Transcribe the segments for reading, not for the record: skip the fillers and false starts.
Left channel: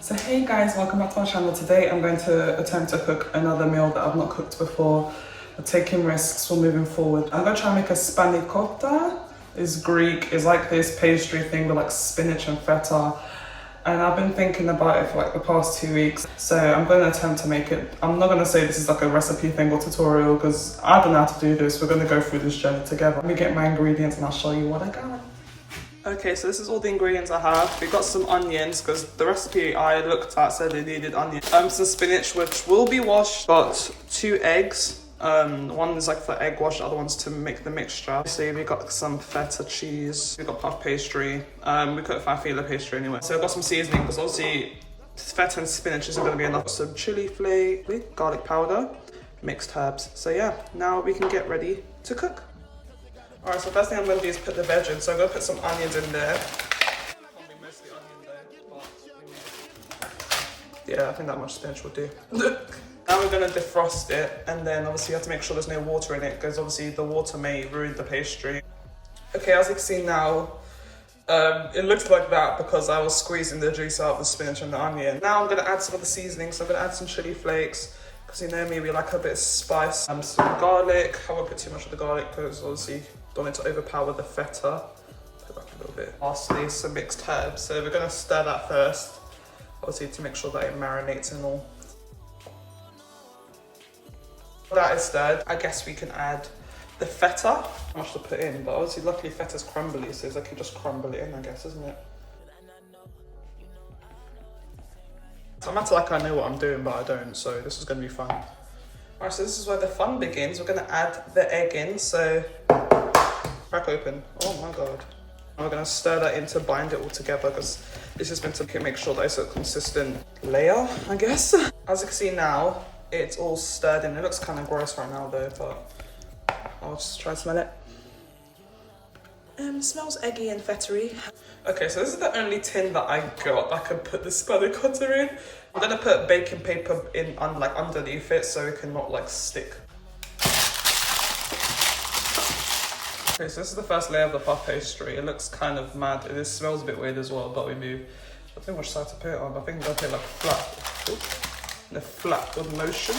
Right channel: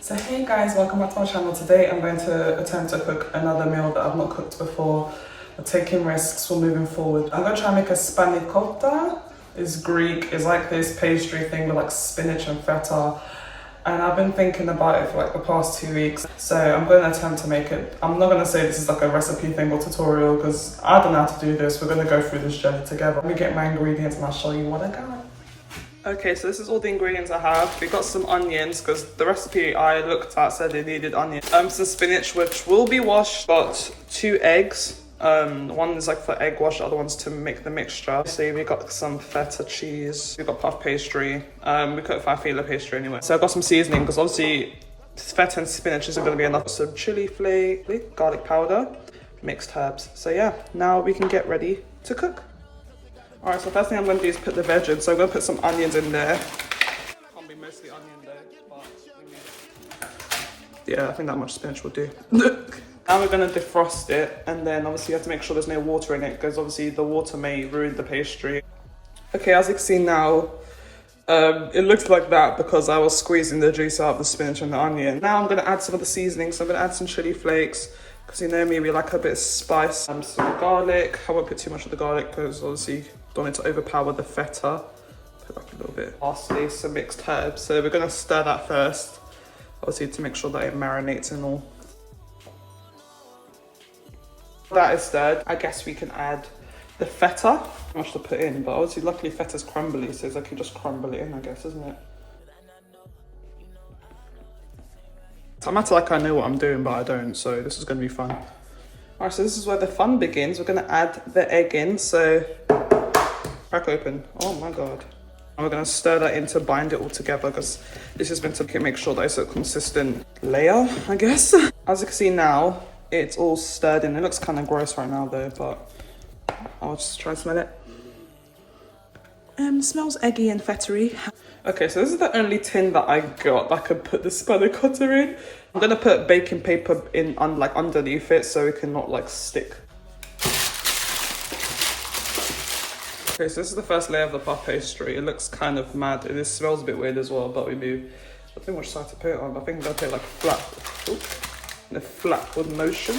So hey guys, welcome back to my channel. Today I'm going to attempt to cook another meal that I've not cooked before. I'm taking risks for moving forward. I'm going to try and make a spanakopita. It's Greek, it's like this pastry thing with like spinach and feta. And I've been thinking about it for like the past 2 weeks. So I'm going to attempt to make it. I'm not going to say this is like a recipe thing or tutorial because I don't know how to do this. We're going to go through this journey together. Let me get my ingredients and I'll show you what I got. Okay, so this is all the ingredients I have. We got some onions because the recipe I looked at said it needed onions. Some spinach which will be washed. Got 2 eggs. One is like for egg wash, the other one's to make the mixture. So we got some feta cheese. We got puff pastry. We got farfalle pastry anyway. So I got some seasoning because obviously feta and spinach isn't going to be enough. Some chili flake, garlic powder, mixed herbs. So yeah, now we can get ready to cook. Alright, so the first thing I'm going to do is put the veg in. So I'm going to put some onions in there. Yeah, I think that much spinach will do. Now we're going to defrost it, and then obviously you have to make sure there's no water in it because obviously the water may ruin the pastry. Okay, as you can see now, it looks like that because I was squeezing the juice out of the spinach and the onion. Now I'm going to add some of the seasonings. So I'm going to add some chili flakes because you know me, we like a bit of spice. Some garlic. I won't put too much of the garlic because obviously don't want it to overpower the feta. Put like a little bit. Lastly, some mixed herbs. So we're going to stir that first, obviously to make sure that it marinates and all. That is stirred. I guess we can add the feta. How much to put in, but obviously luckily feta's crumbly, so it's like you just crumble it in, I guess, isn't it? I'm acting like I know what I'm doing, but I don't, so this is going to be fun. Alright, so this is where the fun begins. We're going to add the egg in, so crack open. Oh my god. And we're going to stir that in to bind it all together because this is going to make sure that it's a consistent layer, I guess. As you can see now, it's all stirred in. It looks kind of gross right now though, but I'll just try to smell it. It smells eggy and fettery. Okay, so this is the only tin that I got that I could put the spanakopita in. I'm gonna put baking paper in like underneath it so it can not like stick. Okay, so this is the first layer of the puff pastry. It looks kind of mad. It smells a bit weird as well, but we do. I think which side to put it on. I think I'm gonna put it like flat. Ooh. The flatward motion.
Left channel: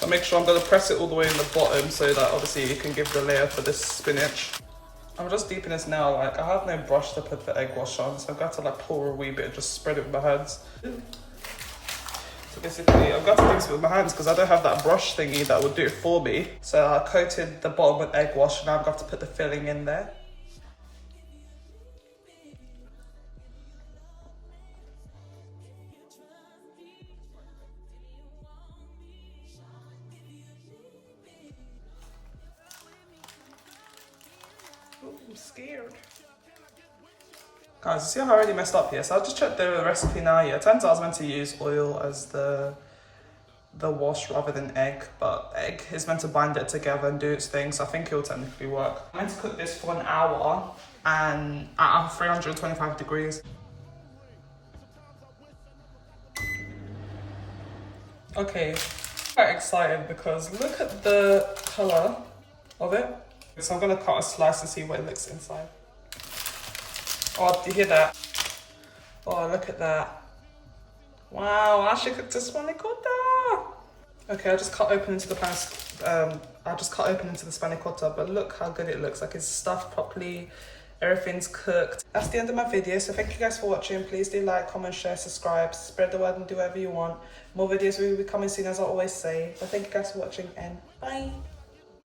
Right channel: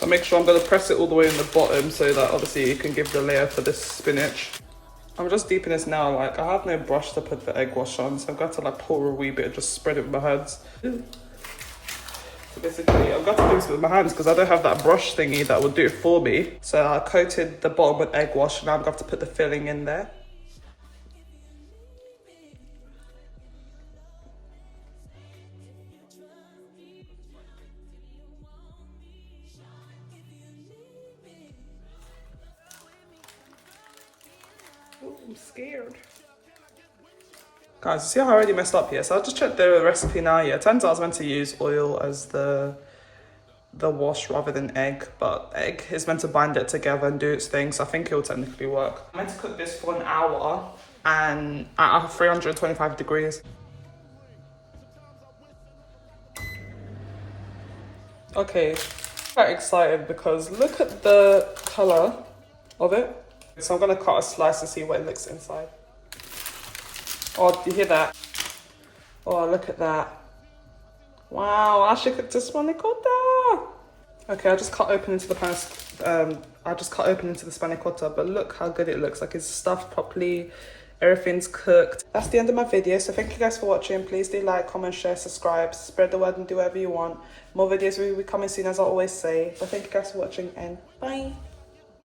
I'll make sure I'm going to press it all the way in the bottom so that obviously you can give the layer for this spinach. I'm just deepening this now, like I have no brush to put the egg wash on, so I've got to like pour a wee bit and just spread it with my hands. So basically I've got to do this with my hands because I don't have that brush thingy that would do it for me. So I coated the bottom with egg wash, now I've got to put the filling in there. I'm scared. Guys, see how I already messed up here? So I just checked the recipe now. Yeah, it turns out I was meant to use oil as the wash rather than egg, but egg is meant to bind it together and do its thing, so I think it will technically work. I'm meant to cook this for an hour and at 325 degrees. Okay, quite excited because look at the colour of it. So I'm going to cut a slice to see what it looks inside. Oh, do you hear that? Oh, look at that. Wow, I actually cooked a spanakopita. Okay, I just cut open into the spanakopita, but look how good it looks. Like it's stuffed properly, everything's cooked. That's the end of my video, so thank you guys for watching. Please do like, comment, share, subscribe, spread the word and do whatever you want. More videos will be coming soon, as I always say. So thank you guys for watching and bye.